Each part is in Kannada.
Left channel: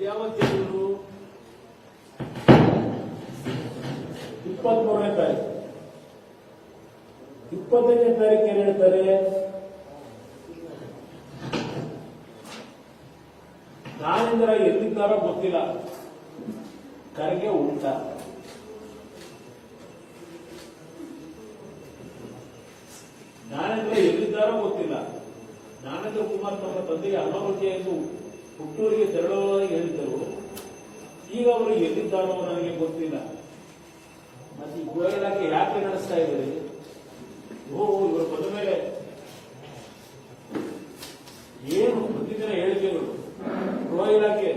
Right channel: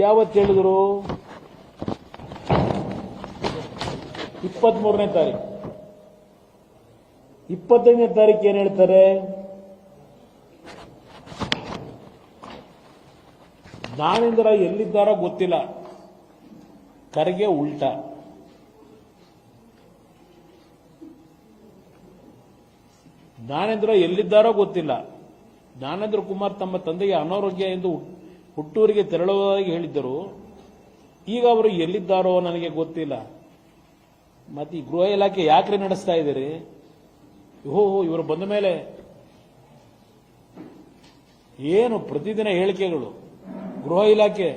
ಯಾವತ್ತು ಹೇಳಿದ್ರು? 23ನೇ ತಾರೀಕು. 25ನೇ ತಾರೀಕು ಏನ್ ಹೇಳ್ತಾರೆ? ಜ್ಞಾನೇಂದ್ರ ಎಲ್ಲಿದ್ದಾರೋ ಗೊತ್ತಿಲ್ಲ, ಖರ್ಗೆ ಉಲ್ಟಾ. ಜ್ಞಾನೇಂದ್ರ ಎಲ್ಲಿದ್ದಾರೋ ಗೊತ್ತಿಲ್ಲ. ಜ್ಞಾನೇಂದ್ರ ಕುಮಾರ್ ತಮ್ಮ ತಂದೆಗೆ ಅನಾರೋಗ್ಯ ಎಂದು ಹುಟ್ಟೂರಿಗೆ ತೆರಳುವುದಾಗಿ ಹೇಳಿದ್ದರು. ಈಗ ಅವರು ಎಲ್ಲಿದ್ದಾರೋ ನನಗೆ ಗೊತ್ತಿಲ್ಲ. ಮತ್ತೆ ಈ ಗೃಹ ಇಲಾಖೆ ಯಾಕೆ ನಡೆಸ್ತಾ ಇದ್ದೀರಿ? ಇವರು ಬಂದ ಮೇಲೆ ಏನು ಪ್ರತಿದಿನ ಹೇಳಿಕೆಗಳು? ಗೃಹ ಇಲಾಖೆ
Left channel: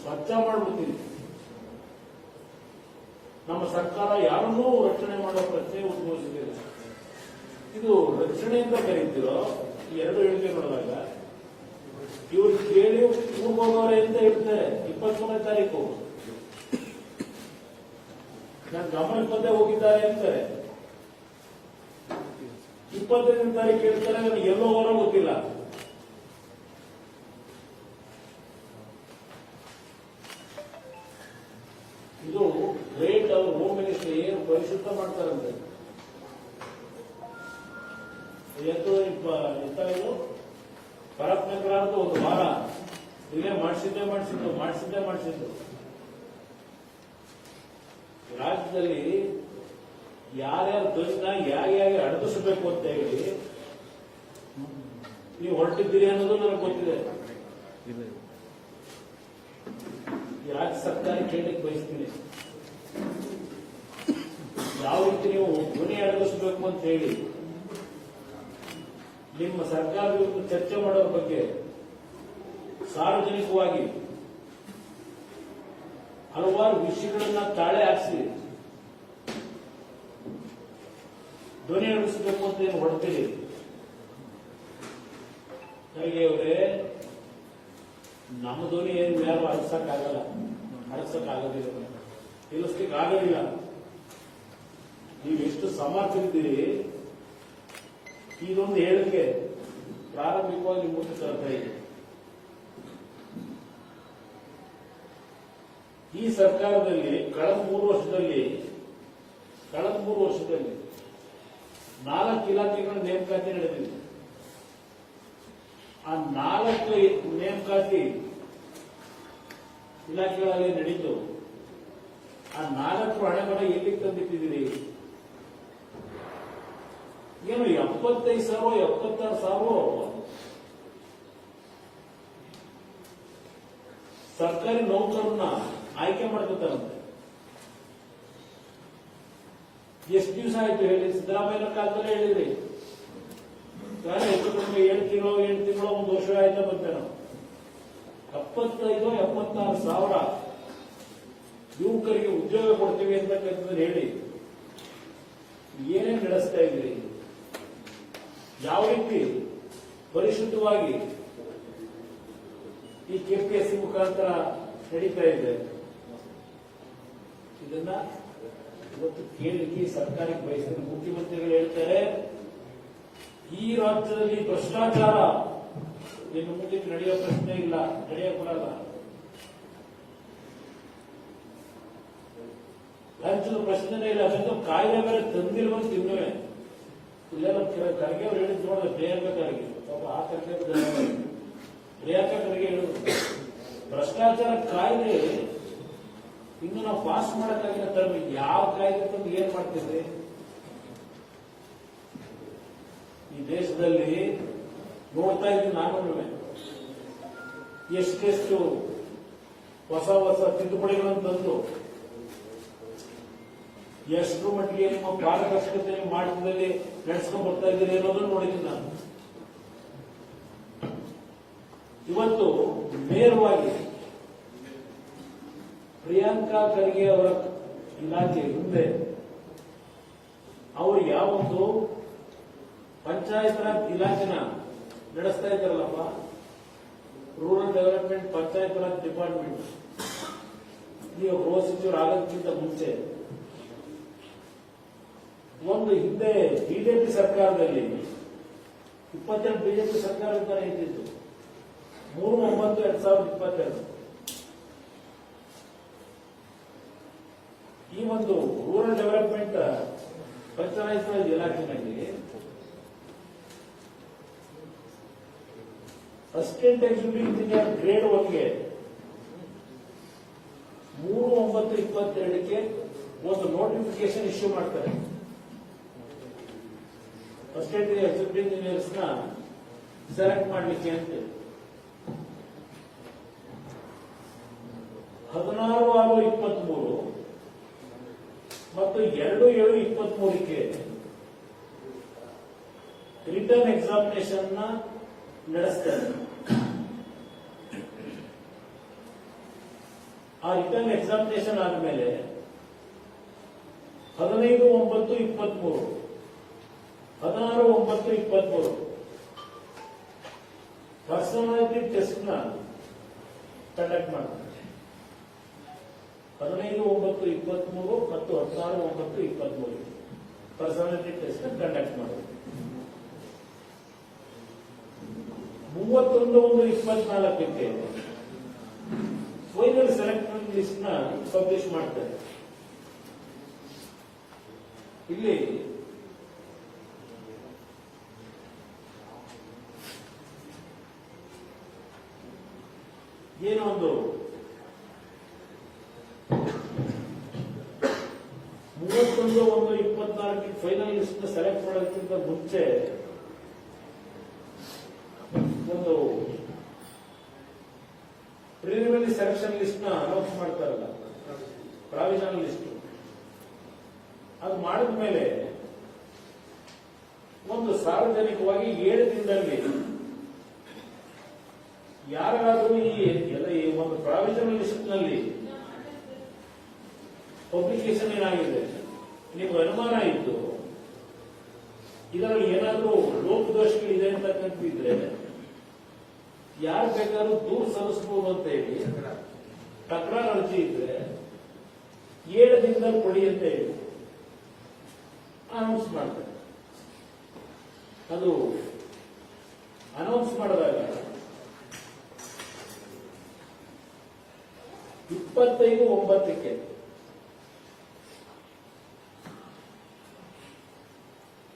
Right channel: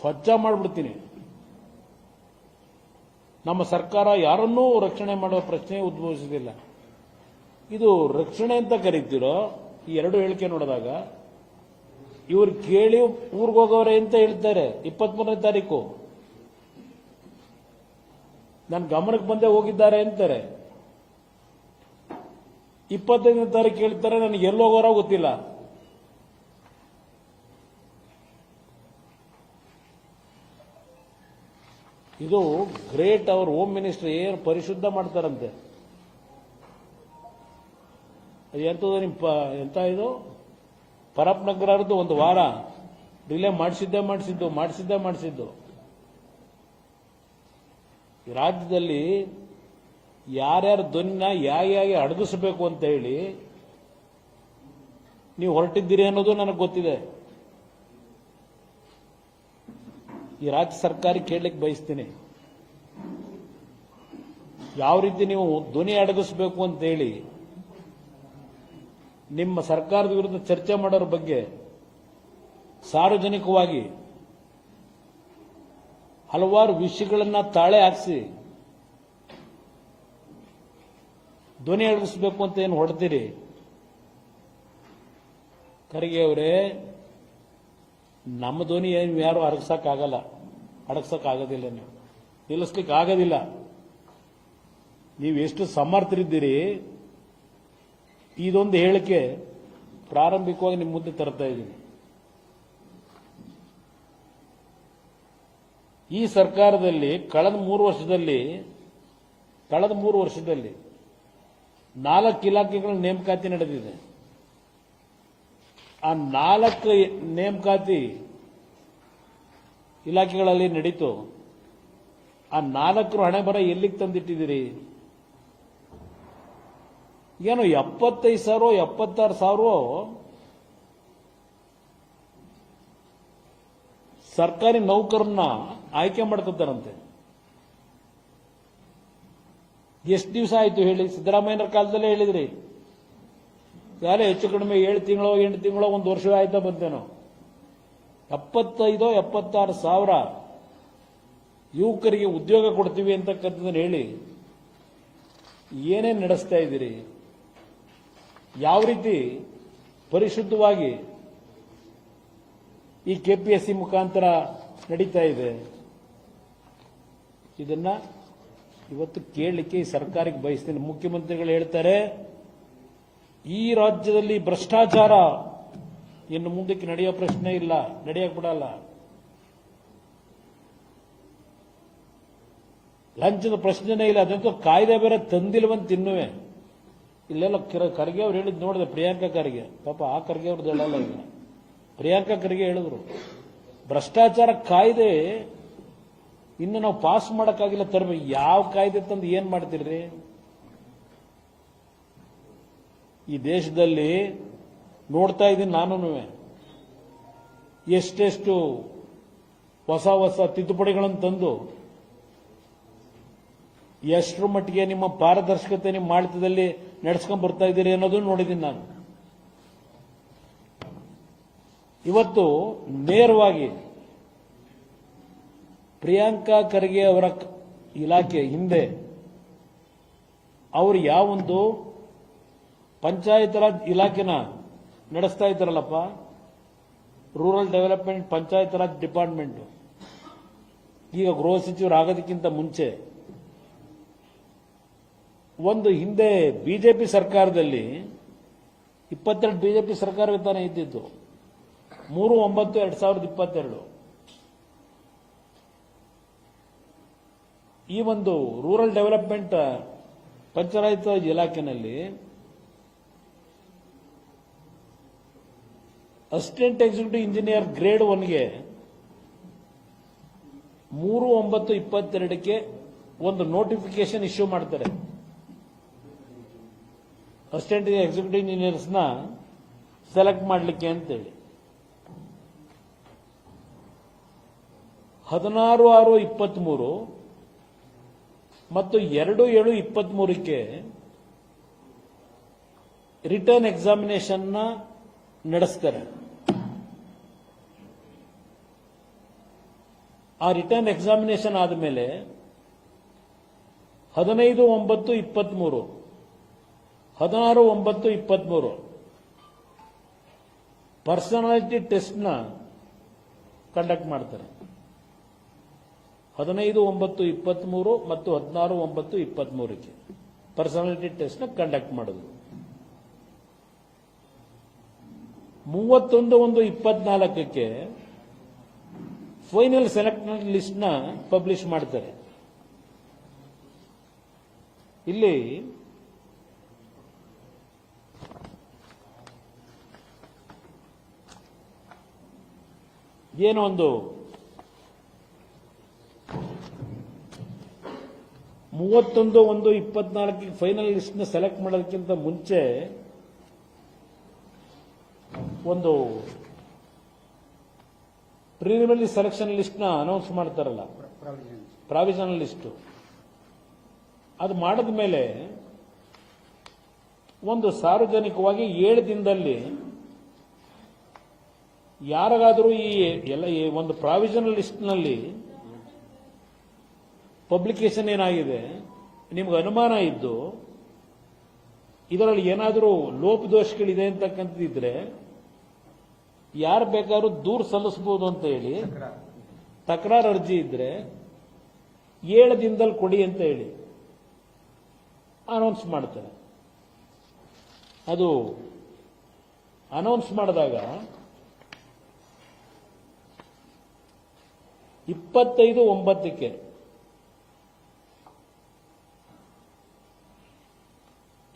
ಸ್ವಚ್ಛ ಮಾಡಿಬಿಡ್ತೀವಿ. ನಮ್ಮ ಸರ್ಕಾರ ಯಾರನ್ನೂ ರಕ್ಷಣೆ ಮಾಡುವ ಪ್ರಶ್ನೆ ಉದ್ಭವಿಸುವುದಿಲ್ಲ. ಇದು ರಕ್ಷಣೆ ಅಂತ ಕರೀತಿರೋ ಈ ಎರಡು ಹೇಳಿಕೆ ನೋಡಿದಾಗ ಇವರು ಕೇಳಿ ಊರಿಗೆ ಹೋಗೋರೆ ಅಂತ ಹೇಳ್ತಾರೆ. 23ನೇ ತಾರೀಕು ನನ್ನ ಗಮನಕ್ಕೆ ಬಂದೇ ಹೋಗಿದ್ದಾರೆ ಅಂತಾರೆ. 25ನೇ ತಾರೀಕು ಹೇಳ್ತಾರೆ ನನಗೆ ಎಲ್ಲೋಗೋರೋ ಗೊತ್ತಿಲ್ಲ. ಇದು ಗ್ರೇಟ್. ಅವ್ರ ಹೋಮ್ ಮಿನಿಸ್ಟರ್ ಏನು ಪರಿಶುದ್ಧ ಮಾಡ್ತಾರಂತೆ. ಇದು ಪರಪ್ ನಗರದ್ದು ಒಂದು ವಾರ ಡಿಲೇ ಮಾಡಿಸಿದ್ದು. ರಾಜ್ಯದಲ್ಲಿ ಯಾರ್ಯಾರ ಧ್ವನಿನ ಹೇಗೆ ಅಡಗಿಸಬೇಕು ಅಂತ ಹೇಳಿ ನೀವು ಹೊರಟಿದ್ದೀರಿ ಅನ್ನೋದು ನನಗೆ ಗೊತ್ತಿದೆ. ಈ ರಾಜ್ಯ ಸರ್ಕಾರ ಕೇಳಲಿಕ್ಕೆ ಬಯಸ್ತೀನಿ, ಯಾವ ರೀತಿ ನೀವು ಧ್ವನಿ ಅಡಗಿಸಬೇಕು ಅಂತ ಹೇಳಿ ನಿಮ್ಮ ಸರ್ಕಾರದ ವಿರುದ್ಧ ಚರ್ಚೆ ಮಾಡೋರ ಬಗ್ಗೆ ಸಾರ್ವಜನಿಕವಾಗಿ ಹಲವಾರು ವಿಷಯಗಳನ್ನ ತಾಳೆ ಹಾಕಿಸಿ ಧ್ವನಿ ಅಡಗಿಸಬೇಕು ಅಂತ ಏನು ಹೊರಡ್ತೀರಿ? ಖರ್ಗೆ ಅವರೇ, ನಮ್ಮ ಧ್ವನಿ ಏನು ಯಾರು ಅಡಗಿಸಕ್ಕಾಗೋದಿಲ್ಲ, ನಿಲ್ಲಿಸ್ಲಿಕ್ಕೆ ಆಗೋದಿಲ್ಲ. ನೀವು ಎಷ್ಟು ಸಮರ್ಥರಿದ್ದೀರಿ, ಇದೊಂದು ಹೇಳಿಕೆ ಪ್ರಾರಂಭಿಕವಾಗಿ ನಿಮ್ಮ ಮುಂದೆ ತರ್ತಾ ಇದೆ. ಈ ಸರ್ಕಾರದಲ್ಲಿ ಕಳೆದ 3 ವರ್ಷದಲ್ಲಿ 4 ಇಲಾಖೆಗಳ ನೇಮಕಾತಿ ನಡೆದಿದೆ. ಆ 4 ನೇಮಕಾತಿ ಇಲಾಖೆಗಳಲ್ಲಿ ನಡೀತು. ಆ 4 ಹಣೆ ಬರ ಎಲ್ಲಿಗೆ ತಂದಿಟ್ಟಿದ್ದೀರಿ? ಏನು 75,000 76,000 ಸರ್ಕಾರಿ ನೌಕರನ್ನ ಆಯ್ಕೆ ಮಾಡ್ಕೊತಾರಂತೆ. ಎಷ್ಟು ದಿವಸ ಆಯ್ತು ಹೇಳಿ? ಸಿದ್ದರಾಮಯ್ಯನ ಕಾಲದಲ್ಲೇ ಹೇಳಿದ್ರಿ. ಯಾರೇ ಹೆಚ್ಚು ಕಡಿಮೆ 7 ತಿಂಗಳು 8 ತಿಂಗಳು 1 ವರ್ಷ ಆಯ್ತಾ ಬರ್ತೇನೋ. 75,000 76,000 ಯುವಕರಿಗೆ ಉದ್ಯೋಗ ಕೊಡ್ತೀವಿ ಅಂತ ಕರ್ತಿದ್ರೆ ಹೇಳಿ, ಏನೇನು ನಡೆಸ್ತಾ ಇದ್ದೀರಿ? ಯಾವ ರೀತಿ ಪರಿಶುದ್ಧವಾಗಿ ಈ ಕೆಪಿಎಸ್ಸಿ ಮುಖಾಂತರ ನಡೀತಾ ಇದೆ? ಇದನ್ನ ಇವತ್ತು ಕೇಳಲಿಕ್ಕೆ ಈ ಸರ್ಕಾರಕ್ಕೆ ಬಯಸ್ತೀನಿ. ಮುಖ್ಯಮಂತ್ರಿಗಳು ಹೇಳ್ತಾರೆ ಈ ರಾಜ್ಯದಲ್ಲಿ ಭ್ರಷ್ಟಾಚಾರ ಇನ್ನು ಮುಂದಕ್ಕೆ ನಡೆಯೋ ಪ್ರಶ್ನೆ ಇಲ್ಲ, ನಡೆಯಕ್ಕೆ ಬಿಡಲ್ಲ. ಲಂಚದ ಪ್ರಶ್ನೆನೇ ಇಲ್ಲ. ಅದಂತೂ ಕಾಯ್ದೆ ಬೇರೆ ತಂದಿಲ್ವಂತ ತಿನ್ನುವೆ. ಇಲ್ಲೆಲ್ಲ ಖರ್ಗೆ ಅವ್ರು ಹೇಳಿದ್ ನೋಡಿದೆ, ಪ್ರಿಯಾಂಕಾ ಖರ್ಗೆ. ಪಾಪ ಆ ಖರ್ಗೆ ಅವ್ರದ್ದು ಹೇಳಲ್ಲ, ಪ್ರಿಯಾಂಕಾ ಖರ್ಗೆ ಹೇಳಿದ್ರು ಭ್ರಷ್ಟಾಚಾರ ಕಾಯ್ದೆ ಇನ್ನು ನಾವು ಪಾಸ್ ಮಾಡಕ್ಕಾಗಿಲ್ಲ. ತರಬೇಕು. ಯಾವ ಕಾಯ್ದೆ ತಂದು ಏನ್ ಮಾಡ್ತಿರ್ರಿ? ಈ ದೇಶದಲ್ಲಿ ನೋಡ್ತಾ ಇದ್ದೀನಿ ನಾನು, ಎಷ್ಟೆಷ್ಟು ಹೊಸ ತಿದ್ದುಪಡಿಗಳನ್ನು ತಂದು ಎಷ್ಟರ ಮಟ್ಟಿಗೆ ನಿಮ್ಮ ಪಾರದರ್ಶಕತೆ ನಿಮ್ಮ ಆಡಳಿತದಲ್ಲಿ ನಡೆಸ್ಕೊಂಡ್ ಬರ್ತಾ ಇದ್ದೀರಿ ಅನ್ನೋದು ನೋಡಿದ್ದೀನಿ ನಾನು. ಇವತ್ತು ನೇರವಾಗಿ ಪ್ರಿಯಾಂಕಾ ಖರ್ಗೆ ಅವರ ಇಲಾಖೆ ಹಿಂದೆ ಅವರು ಯಾವೊಂದು ಪಂಚಾಯತ್ ರಾಜ್ ಇಲಾಖೆನ ನಡೆಸ್ತಾ ಇದ್ದಾರಲ್ಲಪ್ಪ, rural development Panchayat Raj department, ಈಗ ಗೃಹ ಸಚಿವರಾಗೋದಕ್ಕಿಂತ ಮುಂಚೆ ಒಂದು ಹಿಂದೆ ಬಿಜೆಪಿ ಸರ್ಕಾರದಲ್ಲಿ 22 ಬಿಜೆಪಿ ಸರ್ಕಾರ ಇದ್ದಾನೆ ಇದ್ದಿದ್ದು 3/9/2022 ಈ ಒಂದು ರೂರಲ್ ಡೆವಲಪ್ಮೆಂಟ್ ಪಂಚಾಯತ್ ರಾಜ್ ಇಲಾಖೆಯಲ್ಲಿ ಅಸಿಸ್ಟೆಂಟ್ ಎಕ್ಸಿಕ್ಯೂಟಿವ್ ಇಂಜಿನಿಯರ್ ಗ್ರೇಡ್ 1ಗೆ 3/9/22ಕ್ಕೆ ಒಂದು ನೋಟಿಫಿಕೇಶನ್ ಇಶ್ಯೂ ಮಾಡ್ತಾರೆ. ಅಸಿಸ್ಟೆಂಟ್ ಎಕ್ಸಿಕ್ಯೂಟಿವ್ ಇಂಜಿನಿಯರ್ಸ್ನ ಸೆಲೆಕ್ಟ್ ಮಾಡಲಿಕ್ಕೆ ಅಂತೇಳಿ 16/6/23 ಮತ್ತು 2/7/23ಕ್ಕೆ ರಿಟರ್ನ್ ಎಕ್ಸಾಮಿನೇಷನ್ ನಡೆಸ್ತಾರೆ. ಆ ರಿಟರ್ನ್ ಎಕ್ಸಾಮಿನೇಷನ್ ಆದಮೇಲೆ 15/9/23 16/9/23 ಪರ್ಸನಾಲಿಟಿ ಟೆಸ್ಟ್ನ ಕಂಡಕ್ಟ್ ಮಾಡ್ತಾರೆ. 15/9/23 ಮತ್ತು 16/9/23ಕ್ಕೆ ಪರ್ಸನಾಲಿಟಿ ಟೆಸ್ಟ್ನ ಕಂಡಕ್ಟ್ ಮಾಡೋದು. 31/1/24ಕ್ಕೆ ಫೈನಲ್ ಸೆಲೆಕ್ಟ್ ಲಿಸ್ಟ್ನ ಪಬ್ಲಿಷ್ ಮಾಡ್ತಾರೆ. ಇಲ್ಲಿ ಏನೋ ಒಂದು 31/1/24 ಫೈನಲ್ ಲಿಸ್ಟ್ನ ಸೆಲೆಕ್ಟ್ ಮಾಡೋದಕ್ಕಿಂತ ಮುಂಚೆ ಒಂದು ಪ್ರಿಲಿಮಿನರಿ ಸೆಲೆಕ್ಷನ್ ಲಿಸ್ಟ್ನ ಅನೌನ್ಸ್ ಮಾಡ್ತಾರಲ್ಲ, ಪ್ರಾವಿಷನಲ್ ಲಿಸ್ಟ್. ಅದು ಮಾಡಿದ ಮೇಲೆ ಒಂದು ಸಾರ್ವಜನಿಕವಾಗಿ 7 ದಿನದಲ್ಲಿ ಯಾರಿಗಾದರೂ ಈ ಒಂದು ಪ್ರಾವಿಷನಲ್ ಲಿಸ್ಟ್ನಲ್ಲಿ ಪಬ್ಲಿಕೇಶನ್ ಏನಾಗಿದೆ ನಿಮ್ಗೆ ಅನುಮಾನ ಇದ್ದು ಇದರಲ್ಲಿ ಏನಾದರೂ ಲೋಪದೋಷಗಳಿದೆ ಅಂತಕ್ಕಂತಿದ್ರೆ ಯಾರು ಬೇಕಾದ್ರೂ ದೂರು ಸಲ್ಲಿಸಬಹುದು ಅಂತ ಹೇಳಿ ತಕರಾರು ಅರ್ಜಿ ಇದ್ರೆ 7 ದಿನದಲ್ಲಿ ಕೊಡಿ ಅಂತ ಹೇಳಿ ಅನೌನ್ಸ್ ಮಾಡ್ತಾರೆ. ಅದು ಅನೌನ್ಸ್ ಮಾಡಿದಾಗ 25/9ಕ್ಕೆ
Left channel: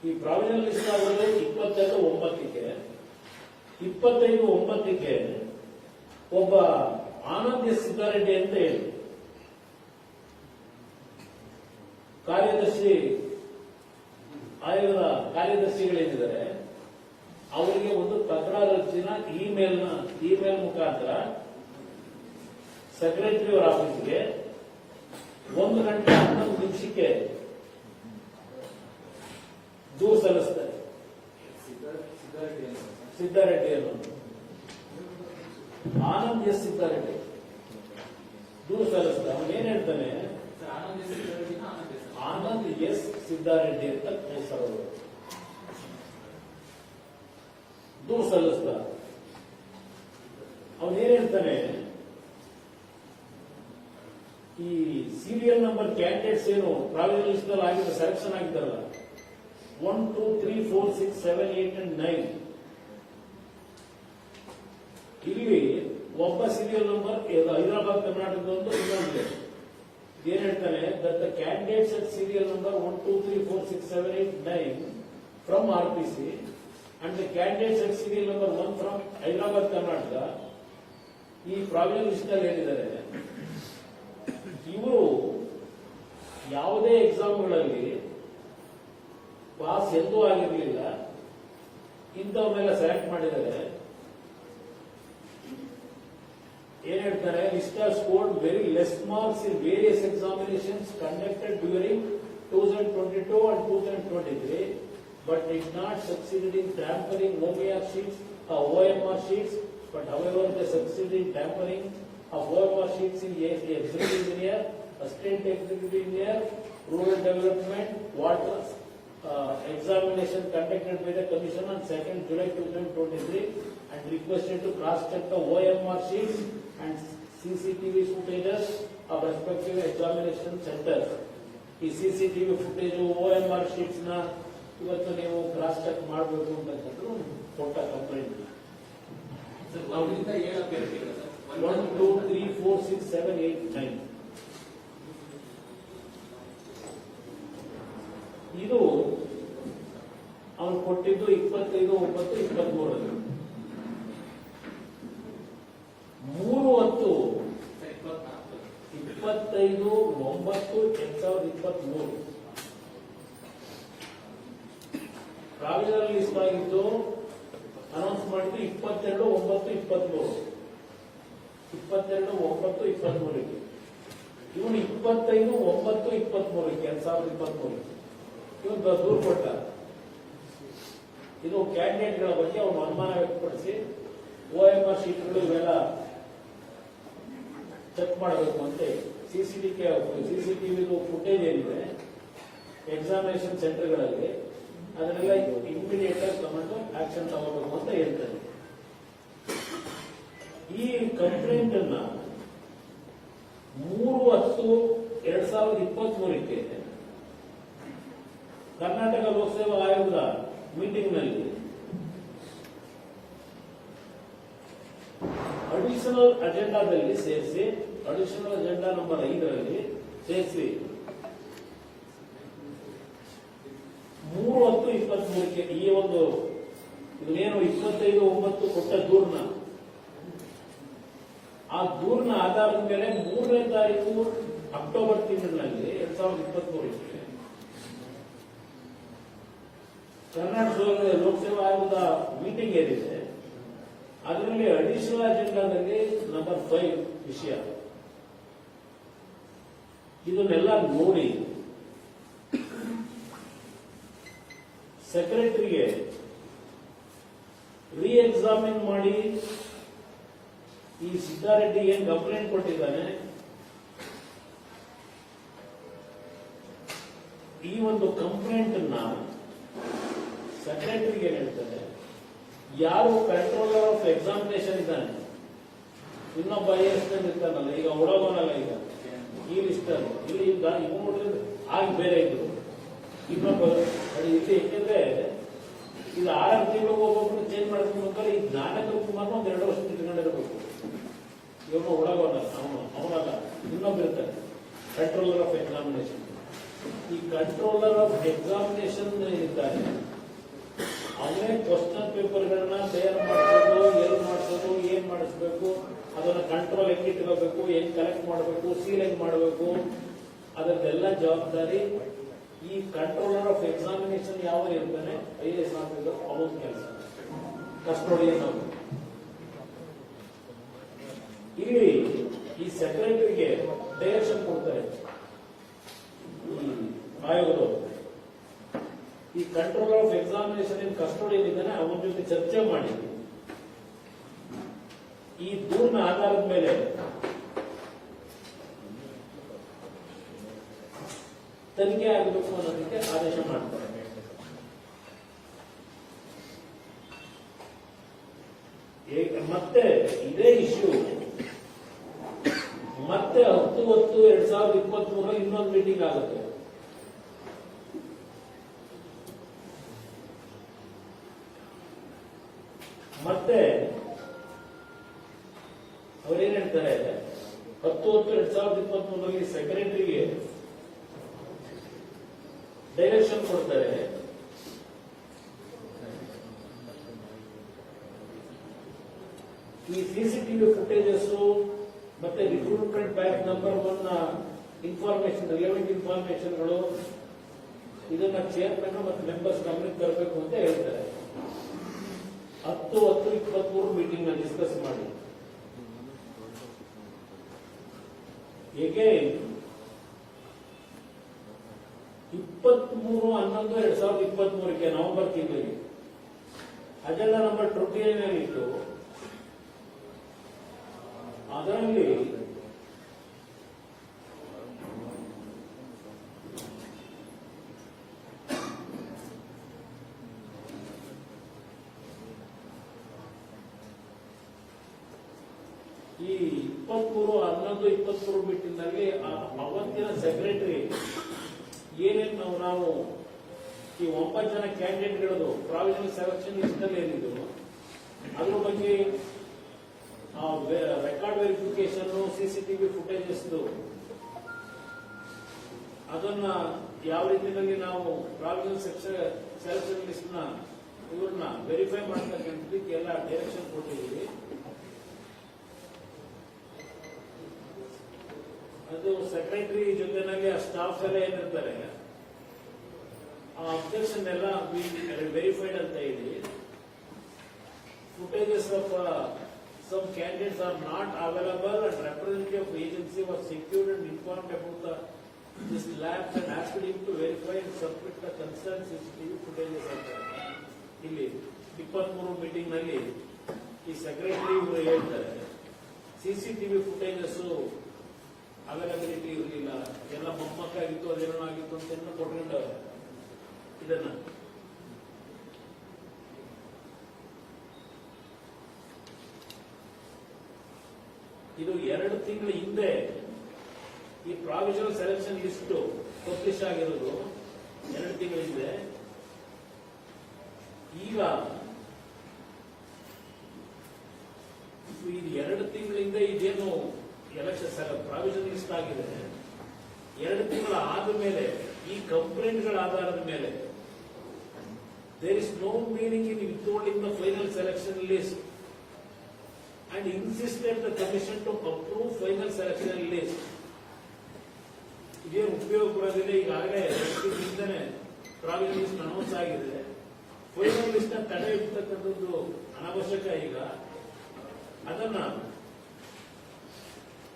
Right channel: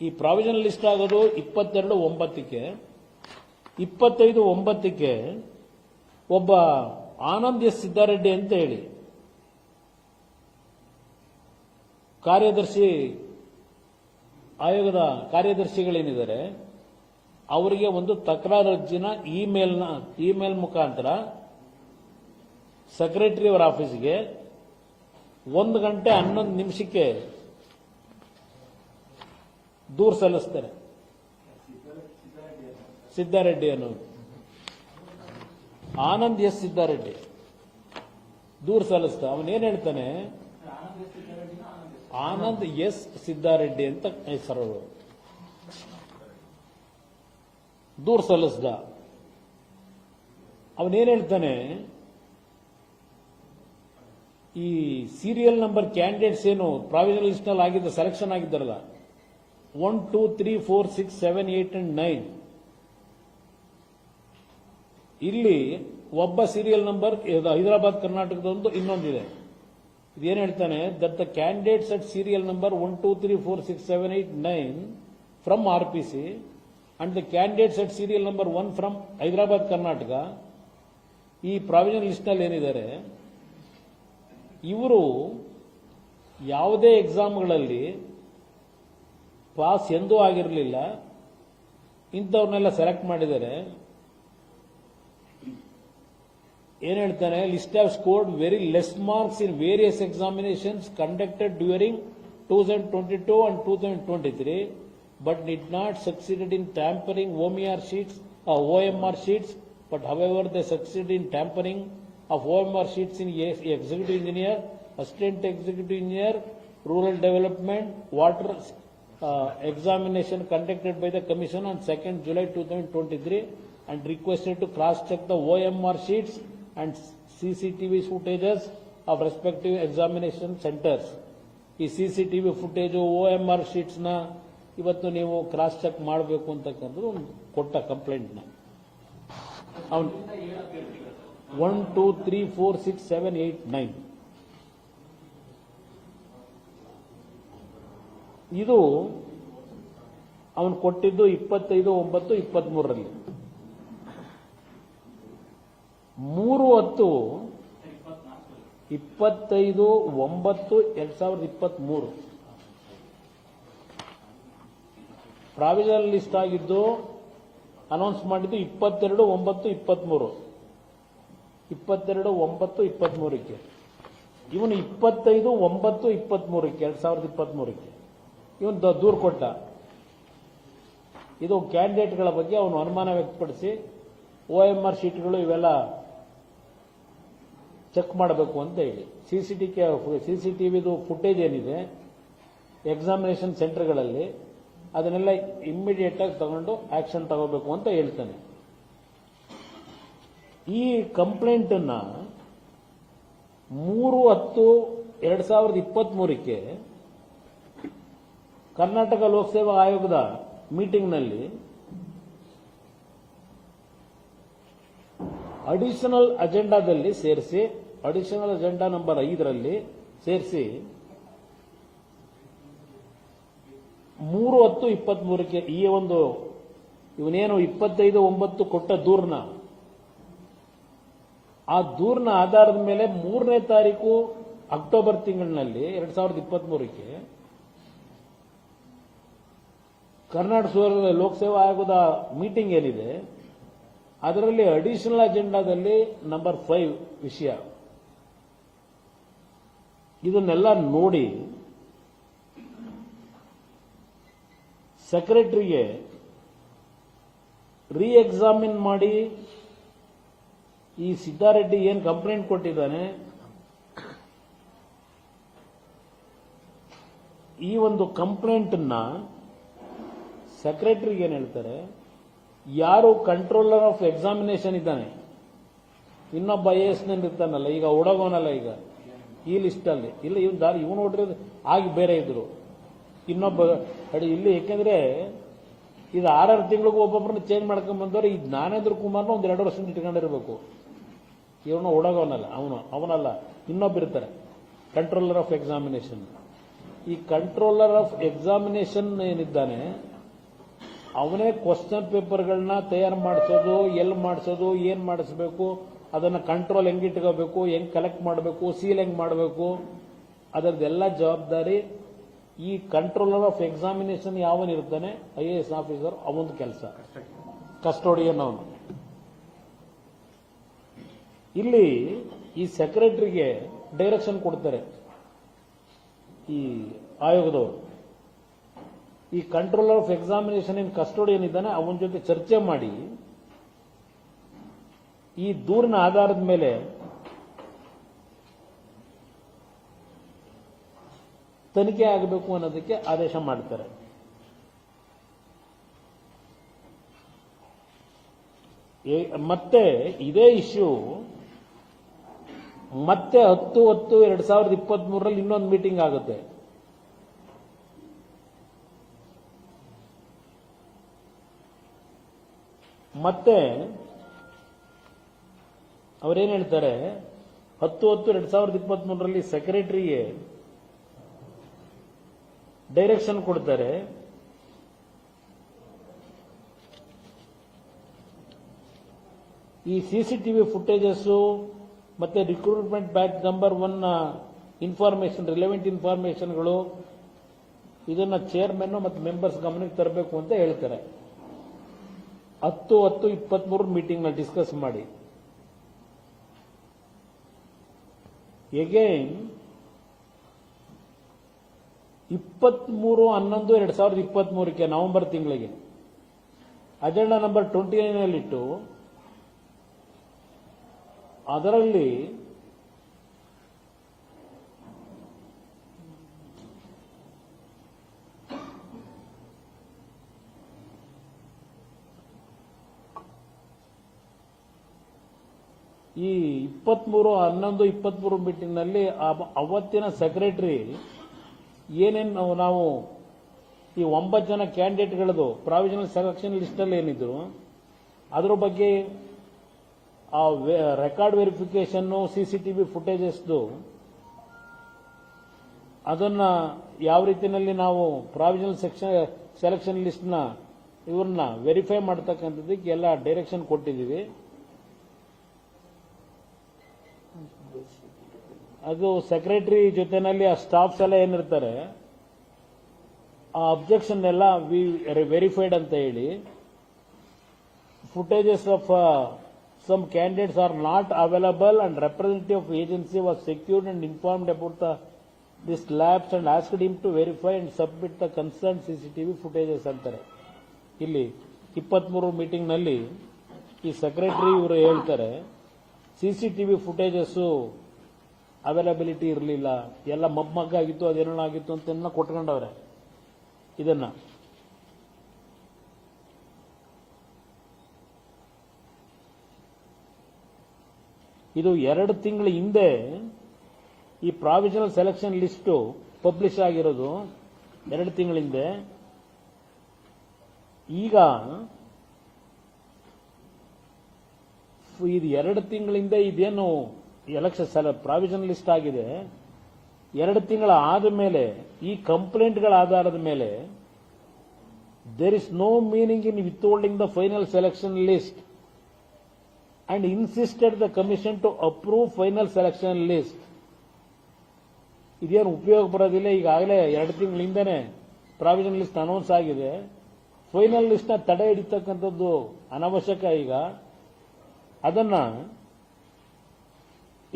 ಈ ಪ್ರಾವಿಷನಲ್ ಲಿಸ್ಟ್ ಆಗೋದು 22/9ಕ್ಕೆ 25/9ಕ್ಕೆ ಒಬ್ಬ ಆನಂದ್ ಎಸ್ ಸಿದ್ದಾರೆಡ್ಡಿ ಅಂತ ಹೇಳಿ ಕಾರ್ಯದರ್ಶಿ ಆಯೋಗದ ಕಾರ್ಯದರ್ಶಿಗಳೇನಿದ್ದಾರೆ ಅವರಿಗೆ ಒಂದು ತಕರಾರು ಅರ್ಜಿನ ಇಮೇಲ್ ಮುಖಾಂತರ ಸೆಕ್ರೆಟರಿ ಅವರ ಆಫೀಸ್ಗೆ 1 ಗಂಟೆ 11 ನಿಮಿಷಕ್ಕೆ ದೂರು ಸಲ್ಲಿಸ್ತಾರೆ. ಸಿದ್ದಾರೆಡ್ಡಿ ಅನ್ನೋದು ಆನಂದ್ ಎಸ್ ಸಿದ್ದಾರೆಡ್ಡಿ ದೂರು ಸಲ್ಲಿಸ್ತಾರೆ. ಅವನು ಏನ್ ಹೇಳ್ತಾನೆ, ಆನಂದ್ ಎಸ್ ಸಿದ್ದಾರೆಡ್ಡಿ ಅಂತ ಹೆಸರು ದೂರು ಸಲ್ಲಿಸ್ದ. ಅವನೇನ್ ಹೇಳ್ತಾನೆ, ಈ ಸೀರಿಯಲ್ ನಂಬರ್ ಕ್ಯಾಂಡಿಡೇಟ್ಸ್ ಏನು ಪ್ರಾವಿಷನಲ್ ಲಿಸ್ಟ್ ನಲ್ಲಿ ಆಗಿದ್ದ ಸೆಲೆಕ್ಷನ್ ಆಗಿದ್ದಾರಲ್ಲ 1, 2, 3, 4, 6, 7, 8 and 9 ಇಲ್ಲಿ ಒಬ್ಬ ಸೀರಿಯಲ್ ನಂಬರ್ ಹೈದರಾಬಾದ್ ಕರ್ನಾಟಕದಂತೂ ಇನ್ನೊಂದಿದೆ. ಇದೇನು ಹೇಳ್ತಾನೆ, that the candidates at serial number 1, 2, 3, 4, 6, 7, 8, 9 from RPC and the candidates at serial number 1 from Hyderabad Karnataka ಈ ಪ್ರಾವಿಷನಲ್ ಲಿಸ್ಟ್ ನಲ್ಲಿ ಏನಿದ್ದಾರೆ ಇವರು ಯಾವುದೇ ಎಕ್ಸಾಮ್ಗಳಲ್ಲಿ ಪಾಸ್ ಎಂದೂ ಆಗಿರಲಿಲ್ಲ, ಇಂಥವ್ರನ್ನೆಲ್ಲ ಸೆಲೆಕ್ಟ್ ಮಾಡಿದ್ದಾರೆ. ಏನ್ ಹೇಳ್ತಾರೆ, list have scored very less marks in various examinations conducted during 2022 and 2023 but did not succeed in tampering OMR sheets but however they succeed in tampering of OMR sheets in executive engineer, assistant executive engineer, rural development, water examination conducted by the commission on 2nd July 2023 and requested to cross-check the OMR sheets and CCTV footages of respective examination centers. ಈ CCTV ಫುಟೇಜ್ OMR ಶೀಟ್ಸ್ ನ ಇವತ್ತು ನೀವು ಕ್ರಾಸ್ ಚೆಕ್ ಮಾಡಬೇಕು ಅಂತಕ್ಕಂದ್ರು ಕೊಟ್ಟ ಕಂಪ್ಲೇಂಟ್ ನ 1, 2, 3, 4, 6, 7, 8, 9 ಇದು ಅವನು ಕೊಟ್ಟಿದ್ದು 25/9/23ರಲ್ಲಿ 3/10/25/9/2023 ಪ್ರಾವಿಷನಲ್ ಲಿಸ್ಟ್ ಆಗಿದ್ದು ಅನೌನ್ಸ್ ಮಾಡಿದ್ದು 22/9/23 22/9/23ಕ್ಕೆ ಇವನು 25/9/23ಕ್ಕೆ 2023ಕ್ಕೆ ಇವನು ದೂರು ಕೊಟ್ಟ. ಇದು ಕ್ಯಾಂಡಿಡೇಟ್ಗಳ ಬಗ್ಗೆ ಅವನು ಅನುಮಾನ ವ್ಯಕ್ತಪಡಿಸಿ OMR ಶೀಟ್ಗಳು ಇವೆಲ್ಲ ಚೆಕ್ ಮಾಡಬೇಕು ಅಂತ ಹೇಳಿ CCTVದು ಫುಟೇಜ್ ಏನಿದೆ ಎಕ್ಸಾಮಿನೇಷನ್ ಸೆಂಟರ್ಗಳಲ್ಲಿ ಅದನ್ನೆಲ್ಲ ಇಮ್ಮಿಡಿಯೇಟ್ ಆಗಿ ತಗೊಂಡು ಆಕ್ಷನ್ ತಗೋಬೇಕು ಅಂತ ಹೇಳ್ತಾನೆ. ಈ ಕಂಪ್ಲೇಂಟ್ ಅನ್ನ 3/10/2023ಕ್ಕೆ ಕರ್ನಾಟಕ ಲೋಕಸೇವಾ ಆಯೋಗದ ಮೀಟಿಂಗ್ನಲ್ಲಿ ಅಡಿಷನಲ್ ಅಜೆಂಡಾದಲ್ಲಿ ಸೇರಿಸಿ, ಅಡಿಷನಲ್ ಅಜೆಂಡಾ ನಂಬರ್ 5ರಲ್ಲಿ ಸೇರಿಸಿ 3/10/23ಕ್ಕೆ ಈ ಒಂದು ಇವನೇನು 25/9 ಕೊಟ್ಟ ದೂರನ್ನ, ಆ ದೂರನ ಆಧಾರದ ಮೇಲೆ 3ನೇ ತಾರೀಕು ಅಕ್ಟೋಬರ್ ತಿಂಗಳಿನಲ್ಲಿ 2023ಕ್ಕೆ ಕರ್ನಾಟಕ ಲೋಕಸೇವಾ ಆಯೋಗದ ಮೀಟಿಂಗ್ ಏನಿದೆ ಅದರಲ್ಲಿ ಅಡಿಷನಲ್ ಅಜೆಂಡಾದಲ್ಲಿ ನಂಬರ್ 5 ವಿಷಯ ಇದನ್ನೆಲ್ಲ ನೋಡಿ ಸೆಕ್ರೆಟರಿಗೆ ರೀ ಎಕ್ಸಾಮಿನ್ ಮಾಡಿ ಈ ಸಿದ್ದಾರೆಡ್ಡಿ ಏನ್ ಕಂಪ್ಲೇಂಟ್ ಕೊಟ್ಟಿದ್ದಾನೆ ಈ ಒಂದು ಕಂಪ್ಲೇಂಟ್ ಅನ್ನ ಸೆಕ್ರೆಟರಿಗೆ ಏನ್ ಹೇಳ್ತಾರೆ, ಯಾರು ಕಂಟ್ರೋಲರ್ ಆಫ್ ಎಕ್ಸಾಮಿನೇಷನ್ ಇದ್ದಾನೆ, ಇನ್ನೊಬ್ಬ IAS ಇರ್ತಾನಲ್ಲ, ಈಗ ಒಳಗೋನಲ್ಲ, ಈಗ ಈ ಲಿಸ್ಟ್ ಅಲ್ಲಿ ಇಲ್ಲಿ ಇವನು ನೋಡ್ರಿ ಆಗಿ ಬೇರೆ ಇದ್ರು ಇನ್ನೊಬ್ಬ ಇಲ್ಲಿ, ಯಾಕಂದ್ರೆ ಇದು 6 ತಿಂಗಳಿಗೆ ಒಬ್ಬೊಬ್ಬರನ್ನ ಚೇಂಜ್ ಮಾಡ್ಕೊಂಡ್ ಬಂದವ್ರು. ಈ ಜ್ಞಾನೇಂದ್ರ ಕುಮಾರ್ನ ಒಂದು 2 ವರ್ಷ ಇಟ್ಕೊಂಡಿರ್ಬೇಕು. ಇವನು ಒಳಗೋನಲ್ಲ, ಅವನಲ್ಲ, ಇನ್ನೊಬ್ಬಿರ್ತಾರೆ ಕಂಟ್ರೋಲರ್ ಆಫ್ ಎಕ್ಸಾಮಿನೇಷನ್. ಈ ಕಂಟ್ರೋಲರ್ ಆಫ್ ಎಕ್ಸಾಮಿನೇಷನ್ ಏನಿದ್ದಾನೆ ಅವನೇ ಕ್ವಶನ್ ಪೇಪರ್ಗಳನ್ನ ತಯಾರು ಮಾಡಿಸೋದು, ಎಲ್ಲಿ ಮಾಡಿಸೋದು, ಏನ್ ಮಾಡಿಸ್ಬೇಕು, ಅದನ್ನ ಕಂಟ್ರೋಲ್ ಹೆಂಗ್ ಇಟ್ಕೋಬೇಕು, ಹೆಂಗ್ ಕಲೆಕ್ಟ್ ಮಾಡಬೇಕು, ಸೀಲ್ ಹೆಂಗ್ ಮಾಡಬೇಕು, ಅದರದೆಲ್ಲ ಜವಾಬ್ದಾರಿ ಈ ಕಂಟ್ರೋಲರ್ ಆಫ್ ಎಕ್ಸಾಮಿನೇಷನ್ ಯಾವನಿರ್ತಾನೆ IAS ಆಫೀಸರ್ ಅವನ ಕೆಲಸ, ಕಸ್ಟೋಡಿಯನ್ ಅವನು. ಇಲ್ಲಿ ಈ ಸೆಕ್ರೆಟರಿಗೆ ಡೈರೆಕ್ಷನ್ ಕೊಡ್ತಾರೆ ಈ ಆಯೋಗದವರು. ಈ ಕಂಟ್ರೋಲರ್ ಆಫ್ ಎಕ್ಸಾಮಿನೇಷನ್ ಏನ್ ಕಸ್ಟೋಡಿಯನ್ ಇದ್ದಾನೆ ಅವನ ಜೊತೆ ಚರ್ಚೆ ಮಾಡಿ ಈ ದೂರಿನ ಆಧಾರದ ಮೇಲೆ ತನಿಖೆ ಆಗಬೇಕು ಅನ್ನೋದಕ್ಕೆ ಆದೇಶ ಮಾಡ್ತಾರೆ. ಮತ್ತೆ ಇದೇ ಇಶ್ಯೂ ಮತ್ತೆ 10/10/2023ರಲ್ಲಿ ಇನ್ನೊಂದು ಮೀಟಿಂಗ್ ಆಗುತ್ತೆ. ಮತ್ತೆ ಅವರೇನ್ ಹೇಳ್ತಾರೆ, 10/10/2023ರಲ್ಲಿ ಸೆಕ್ರೆಟರಿಗೆ ಡೈರೆಕ್ಷನ್ ಕೊಡ್ತಾರೆ, ಈ CCTV ಫುಟೇಜಸ್ ಮತ್ತೆ recruitment batch number 1 information, relevant ಇನ್ಫಾರ್ಮೇಶನ್ಗಳು ಇದನ್ನ ಚೇರ್ಮನ್ ಮತ್ತು ಮೆಂಬರ್ಸ್ ಗಮನಕ್ಕೆ ತರಬೇಕು ಅಂತ ಹೇಳ್ತಾರೆ. 10/10/23 ಮೀಟಿಂಗ್ ನಲ್ಲಿ ಡಿಸ್ಕಸ್ ಮಾಡಿ ಎಗೈನ್ 23/11/2023ಕ್ಕೆ ನವೆಂಬರ್ ತಿಂಗಳಿಗೆ ಅಜೆಂಡಾ ನಂಬರ್ 29 ನಲ್ಲಿಟ್ಟು ಅದರಲ್ಲಿ ಈ 23/11/23 ಮೀಟಿಂಗ್ ನಲ್ಲಿ ಅವತ್ತಿನ ಸೆಕ್ರೆಟರಿ ಏನೇನು ನಾವು ಈ 9 ಜನ ಕ್ಯಾಂಡಿಡೇಟ್ಗಳದು ಪ್ರಾವಿಷನಲ್ ಸೆಲೆಕ್ಷನ್ ಲಿಸ್ಟ್ ಅಲ್ಲಿ ಏನಿದ್ರು ಅದ್ರ ಬಗ್ಗೆ ಆ ರೆಕಾರ್ಡ್ ವೆರಿಫಿಕೇಶನ್, CCTV ಫುಟೇಜಸ್ ಅದನ್ನ ಯಾವ ರೀತಿಯಲ್ಲಿ ನಾವು ಪ್ರಾವಿಷನಲ್ ಸೆಲೆಕ್ಷನ್ ಲಿಸ್ಟ್ನ ಇವ್ರನ್ನ ವೆರಿಫೈ ಮಾಡ್ತಕ್ಕಂಥದ್ದಕ್ಕೆ ಎಲ್ಲ ಡೈರೆಕ್ಷನ್ ಕೊಟ್ಟಿದ್ದೀವಿ. ಅದು ಸೆಕ್ರೆಟರಿ ಜೊತೆನಲ್ಲಿ ಆ ಸ್ಟಾಫ್ಸ್ ಎಲ್ಲ ಏನಿರ್ತಾರೆ ಆ ಅಬ್ಜೆಕ್ಷನ್ ಎಲ್ಲ ವೆರಿಫೈಡ್ ಅಂತ ಹೇಳಿ, footages of some candidates are not available and representative of agency was secured and informed about this lapse and asked him to verify and submit the concerned CCTV footages ಅಂತಾರೆ. ಇಲ್ಲಿ 23 ಮೀಟಿಂಗ್ ನಲ್ಲಿ ಈ ಸೆಕ್ರೆಟರಿ ಇವರು ಹೇಳ್ತಾರೆ CCTV ಫುಟೇಜಸ್ ಅವೈಲಬಿಲಿಟಿ ಇರಲಿಲ್ಲ, ಎಲ್ಲ ಮಗ್ಮಗ್ಗಾಗಿತ್ತು, ಅದೇನೋ ಆಗಿತ್ತು ಅಂತ ಕೊಟ್ಕೊಂಡವ್ರೆ. ಇದನ್ನ ಇದು 2 ತಿಂಗಳ ಹಿಂದೆ ಈ ಪ್ರಾವಿಷನಲ್ ಸೆಲೆಕ್ಷನ್ ಲಿಸ್ಟ್ ಪಬ್ಲಿಷ್ ಆಗಿರೋದು 2 ತಿಂಗಳ ಹಿಂದೆ. ಈಗ ಇದು 2 ತಿಂಗಳಿಂದ ಇದೇನು ಎಲೆಕ್ಷನ್ ಪ್ರಾವಿಷನಲ್ ಲಿಸ್ಟ್ ಆಗಿದೆ, 2 ತಿಂಗಳ ಆದ ಮೇಲೆ ಈ ಕಂಪ್ಲೇಂಟ್ಗಳ ಆಧಾರದ ಮೇಲೆ there is no meaning in withholding the final selection list and insisted the commission to approve final selection list. ಇದೇನು ಉಪಯೋಗ ಬರೋದಿಲ್ಲ. ಈಗಾಗಲೇ 2 ತಿಂಗಳಿಂದನೇ ಪ್ರಾವಿಷನಲ್ ಲಿಸ್ಟ್ ಅನೌನ್ಸ್ ಆಗಿದೆ. ಫೈನಲ್ ಲಿಸ್ಟ್ ತಡೆ ಹಿಡಿತಕ್ಕಂಥದ್ದು ಅನಾವಶ್ಯಕ. ಈಗ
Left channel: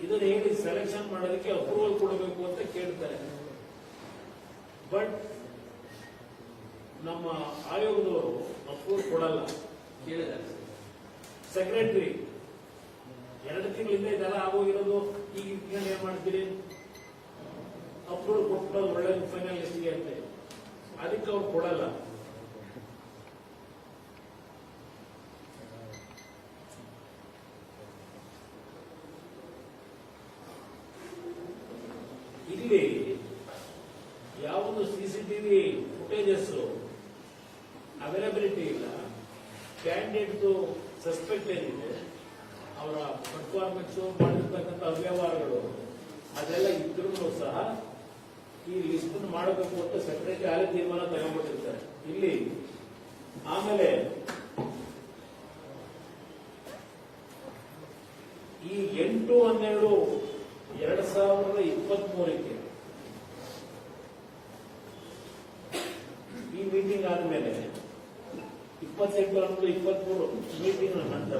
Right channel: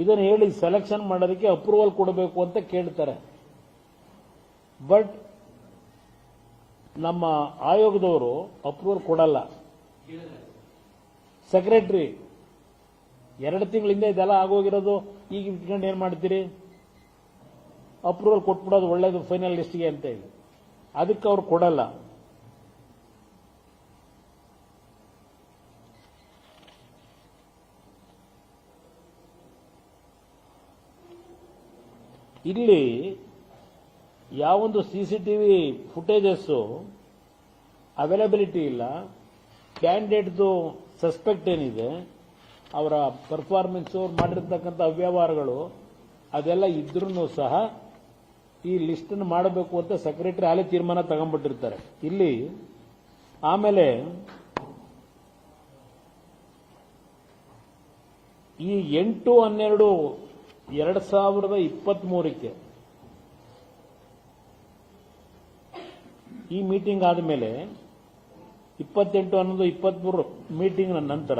ಇದನ್ನು ಹೇಳಿ ಸೆಲೆಕ್ಷನ್ ಮಾಡೋದಕ್ಕೆ ಅಪ್ರೂವಲ್ ಕೊಡಬೇಕು ಅಂತ ಕೇಳ್ತಾರೆ. ಬಟ್ ನಮ್ಮ ಆಯೋಗದವರು ಅಪ್ರೂವಲ್ ಕೊಡಲ್ಲ. ಸೆಕ್ರೆಟರಿ 2 ತಿಂಗಳಿಂದ ಇದೆಲ್ಲ ಆಗೋಗಿರೋದು, ಈಗ ಇಟ್ಕೊಂಡು ಏನ್ ಮಾಡ್ತೀರಿ, ಅಪ್ರೂವಲ್ ಕೊಟ್ಬಿಡೋದು ಒಳ್ಳೇದು ಫೈನಲ್ ಲಿಸ್ಟ್ಗೆ ಅಂತ ಹೇಳಿ. ಅದಕ್ಕೆ ಅವ್ರು ಕೊಡಲ್ಲ. ಇಲ್ಲಿ ಯಾವೊಂದು CCTV ಫುಟೇಜಸ್ ಅವೈಲಬಿಲಿಟಿ ಇಲ್ಲ, ಕ್ಯಾಂಡಿಡೇಟ್ದು ಸಸ್ಪೆಕ್ಟ್ ಏನಿದೆ, ಅವರ ಪರ್ಫಾರ್ಮೆನ್ಸ್ ಮಾಡಿರ್ತಕ್ಕಂಥ ಅವ್ಯವಹಾರಗಳು ಅದೆಲ್ಲ ಇದ್ರೂ ಸಹ ಈ ಲಿಸ್ಟ್ ಮಾಡಬೇಕು ಅಂತ ಸೆಕ್ರೆಟರಿ ಅಲ್ಲಿ ತೀರ್ಮಾನ ತಗೊಂಡ್ಬಿಟ್ಟಿರ್ತಾರೆ. ಇಲ್ಲಿ ಆಮೇಲೆ ಈ 8/12/2023 ಈ ಮೀಟಿಂಗ್ ಆದಮೇಲೆ 28/11/23 ಮೀಟಿಂಗ್ ನಂತರ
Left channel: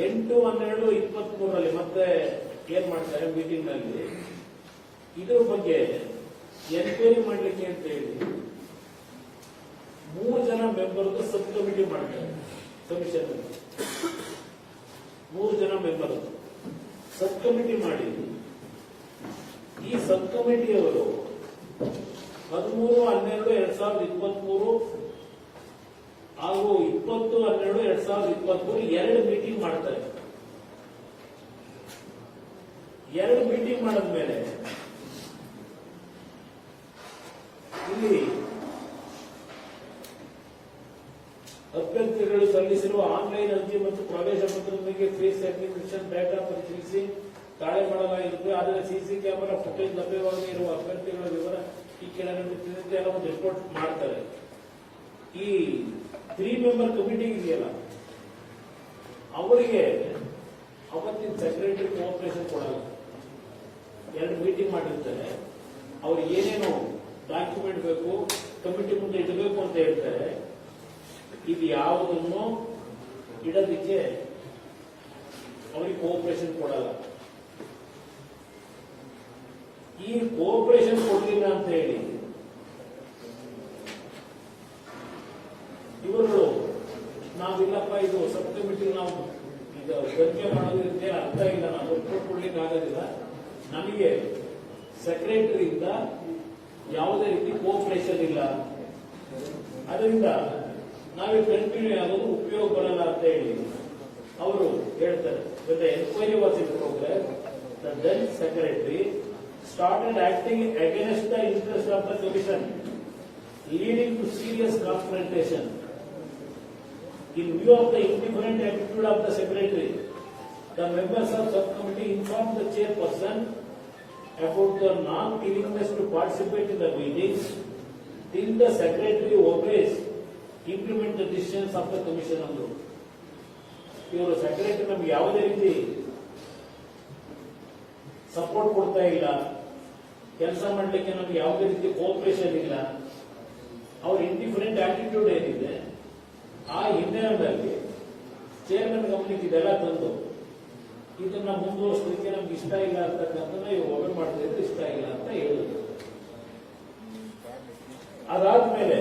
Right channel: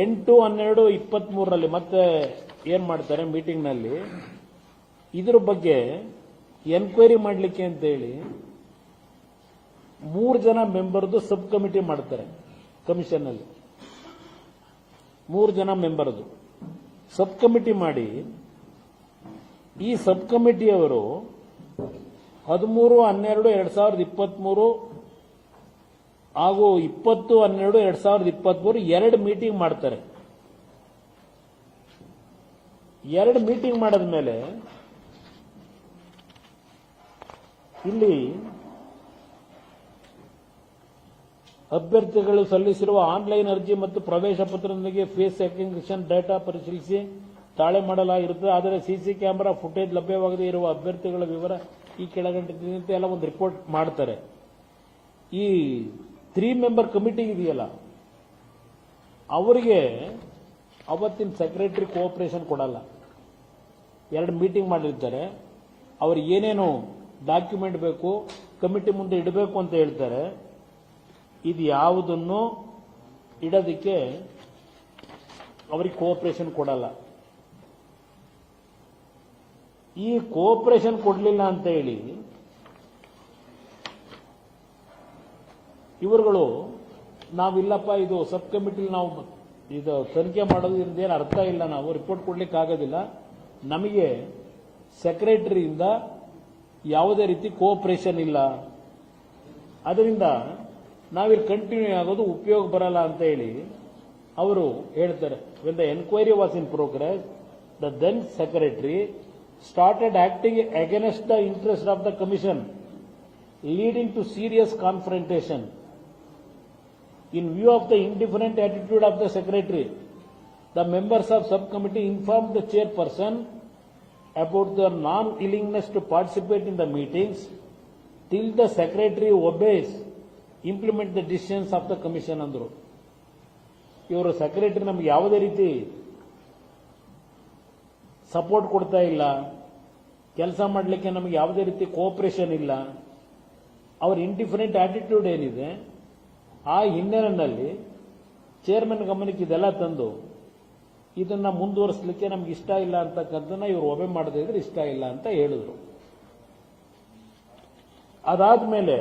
8/12/23 ಮತ್ತೆ ಏನ್ ಮಾಡ್ತಾರೆ ಮೀಟಿಂಗ್ ನಲ್ಲಿ, ಇದ್ರ ಬಗ್ಗೆ ಎನ್ಕ್ವೈರಿ ಮಾಡಲಿಕ್ಕೆ ಅಂತ ಹೇಳಿ 3 ಜನ ಮೆಂಬರ್ದು ಸಬ್ ಕಮಿಟಿ ಮಾಡ್ತಾರೆ. ಕಮಿಷನ್ ಅಲ್ಲಿ 3 ಜನ ಮೆಂಬರ್ದು ಸಬ್ ಕಮಿಟಿ ಮಾಡಿ, ಈ ಸಬ್ ಕಮಿಟಿಯವರು 13/12/2023 ಹಾಗೂ 20/12/2023 2 ಮೀಟಿಂಗ್ ಮಾಡ್ತಾರೆ. 2 ಮೀಟಿಂಗ್ ಮಾಡಿದ್ಮೇಲೆ ಇಲ್ಲಿ ಅಭ್ಯರ್ಥಿಗಳು ಸಲ್ಲಿಸಿರುವ ಆನ್ಲೈನ್ ಅರ್ಜಿ ಮತ್ತು ಪ್ರವೇಶ ಪತ್ರದೊಂದಿಗೆ ಫೇಸ್ ರೆಕಗ್ನಿಷನ್ ಡೇಟಾ ಪರಿಶೀಲಿಸಿ ತಾಳೆ ಮಾಡಲಾಗಿರುತ್ತದೆ. ಆದರೆ ಸಿಸಿ ಕ್ಯಾಮೆರಾ ಫುಟೇಜ್ ಲಭ್ಯವಾಗದೇ ಇರುವ ಅಭ್ಯರ್ಥಿಗಳ ವಿವರ ಈ ಕೆಳಗಂಡೆ ಎಲ್ಲ ಒಂದು ರಿಪೋರ್ಟ್ ಮಾಡ್ತಾರೆ. ಈ 3 ಮೆಂಬರ್ ಕಮಿಟಿ ಇದೆಯಲ್ಲ, ಅವರಿಗೆ ಅವತ್ತಿನ ಸೆಕ್ರೆಟರಿ ಕೋಆಪರೇಷನ್ ಕೊಡಲ್ಲ. 2 ಮೀಟಿಂಗ್ ಮಾಡಿರ್ತಾರೆ, ಅವ್ರಿಗೆ ಏನೇನು ಡಾಕ್ಯುಮೆಂಟ್ ಬೇಕು ಕಮಿಟಿ ಮುಂದೆ ಇಡಬೇಕು ಅಂತ ಹೇಳ್ತಾರೆ. ಇದು ಯಾವುದನ್ನು ಇಡೋದಕ್ಕೆ ಅವ್ರಿಗೆ ಕೋಆಪರೇಷನ್ ಕೊಡಲ್ಲ. ಈ ಕೋಆಪರೇಷನ್ ಕೊಡಲಿಲ್ಲ ಅಂತ ಹೇಳಿ ಇವರುಗಳು ನಾವಿಲ್ಲಪ್ಪ ಇದು ಸಬ್ ಕಮಿಟಿ ನಾವು ಇದು ತನಿಖೆ ಮಾಡೋದು ಇರ್ತೇನೆ ಅರ್ಥ ಇಲ್ಲ, ನಾವು ರಿಪೋರ್ಟ್ ಕೊಡ್ಲಿಕ್ಕೆ ಆಗೋದಿಲ್ಲ, ನಮಗೆ ಸೆಕ್ರೆಟರಿಯಿಂದ ಯಾವುದೇ ರೀತಿ ಕೋಆಪರೇಷನ್ ಇಲ್ಲ, ಅದರಿಂದ ನಾವಿಲ್ಲಿ ಕಂಟಿನ್ಯೂ ಆಗೋದು ಉಪಯೋಗ ಬರಲ್ಲ ಅಂತ ಹೇಳಿ ಅವರು ಹೇಳ್ತಾರೆ. When the enquiry was in progress, the then secretary started acting against the interest of the commission, leading to serious confrontation. In view of the indifferent attitude of the secretary, The members of subcommittee inform the chairperson about their non-willingness to participate in the meetings till the secretary obeys, implement the decisions of the commission ಅಂದ್ರು. ಇವರು ಸೆಕ್ರೆಟರಿ ನಮ್ಗೆ ಯಾವುದೇ ರೀತಿ ಸಪೋರ್ಟ್ ಕೊಡ್ತಾ ಇಲ್ಲ, ಕೆಲಸ ಮಾಡಲಿಕ್ಕೆ ನಮ್ಗೆ ಯಾವುದೇ ರೀತಿ ಕೋಆಪರೇಷನ್ ಇಲ್ಲ, ಅವ್ರ ಇಂಡಿಫರೆಂಟ್ ಆಟಿಟ್ಯೂಡ್ ಏನಿದೆ ಆ ಹಿನ್ನೆಲೆಯಲ್ಲಿ ಚೇರ್ಮನ್ ಗಮನಕ್ಕೆ ಇದೆಲ್ಲ ತಂದು ಇದನ್ನ ಮುಂದುವರಿಸಲಿಕ್ಕೆ ನಮ್ಗೆ ಇಷ್ಟ ಇಲ್ಲ ಅಂತಕ್ಕಂಥದ್ದನ್ನ ಇವರು ಒಬ್ಬೆ ಮಾಡದೇ ಇದ್ರೆ ಇಷ್ಟ ಇಲ್ಲ ಅಂತ ಹೇಳಿದ್ರು. ಅದಾದ್ಮೇಲೆ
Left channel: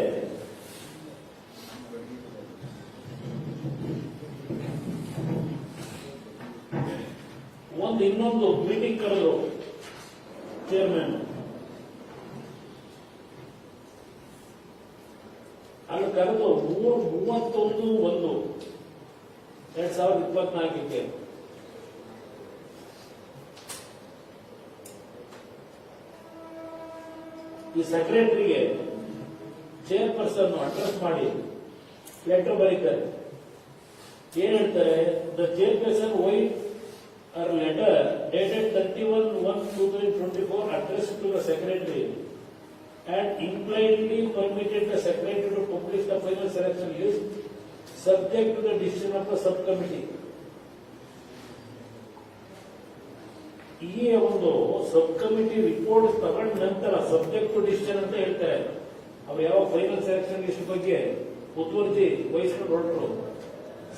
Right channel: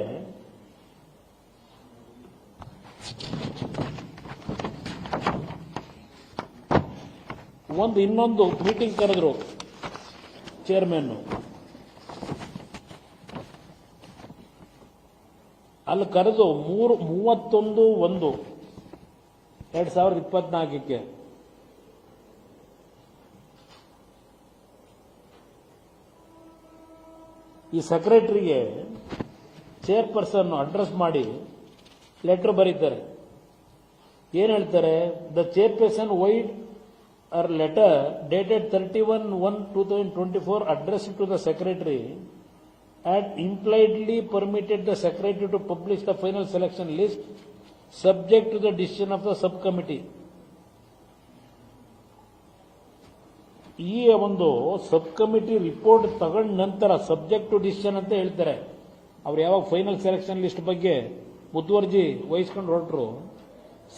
ಇನ್ನೊಂದು ಮೀಟಿಂಗ್ ಕರೆದ್ರು ಚೇರ್ಮನ್. ಅಲ್ಲಿ ಕರೆದು 31/1/2024 ಈ ಸೆಕ್ರೆಟರಿಗೆ ಚೇರ್ಪರ್ಸನ್ ಅಡ್ರೆಸ್ ಮಾಡಿ ಲೆಟರ್ ಬರೀತಾರೆ. ಏನ್ ಹೇಳ್ತಾರೆ? The chairperson white or letter dated 31/1/2024 addressed to the secretary and impliedly permitted the secretary to publish the final selection list subject to the decision of the subcommittee. ಈ ಒಂದು ಸಬ್ ಕಮಿಟಿ ರಿಪೋರ್ಟ್ ತಗೊಂಡ ನಂತರ ಸಬ್ಜೆಕ್ಟ್ ಟು ಡಿಸಿಷನ್ ಅಂತ ಹೇಳ್ತಾರೆ. ಅವ್ರು ಯಾವಾಗ ಫೈನಲ್ ಸೆಲೆಕ್ಷನ್ ಲಿಸ್ಟ್ ಬಗ್ಗೆ ಮುತುವರ್ಜಿ ವಹಿಸ್ಕೊಂಡು ಹೊರಟರು,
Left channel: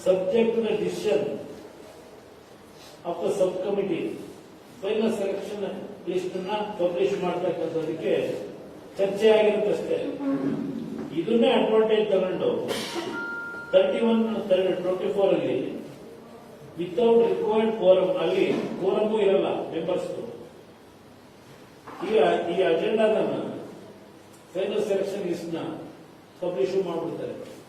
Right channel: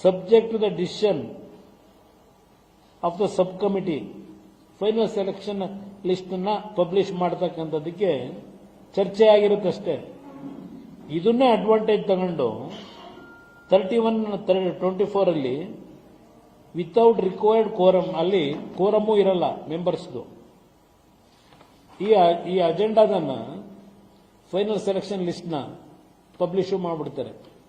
subject to the decision of the sub committee final selection list ಅನ್ನ ಪಬ್ಲಿಷ್ ಮಾಡತಕ್ಕಂಥದಕ್ಕೆ ಚರ್ಚೆ ಆಗಿರುತ್ತಷ್ಟೇ. ಇದನ್ನೇ ಅಡ್ವಾಂಟೇಜ್ ತಗೊಂಡು 31/24 ಅಲ್ಲಿ ವಿತೌಟ್ ರಿಕ್ವೈರ್ಡ್ ಕೋರಮ್, ಅಲ್ಲಿ ಕೋರಮೂ ಇರಲ್ಲ ಮೆಂಬರ್ಸ್ದು, ಈ ಅಜೆಂಡಾದನ್ನ ಫೈನಲ್ ಸೆಲೆಕ್ಷನ್ ಲಿಸ್ಟ್ ನ ಪಬ್ಲಿಷ್ ಮಾಡಿಬಿಡ್ತಾರೆ.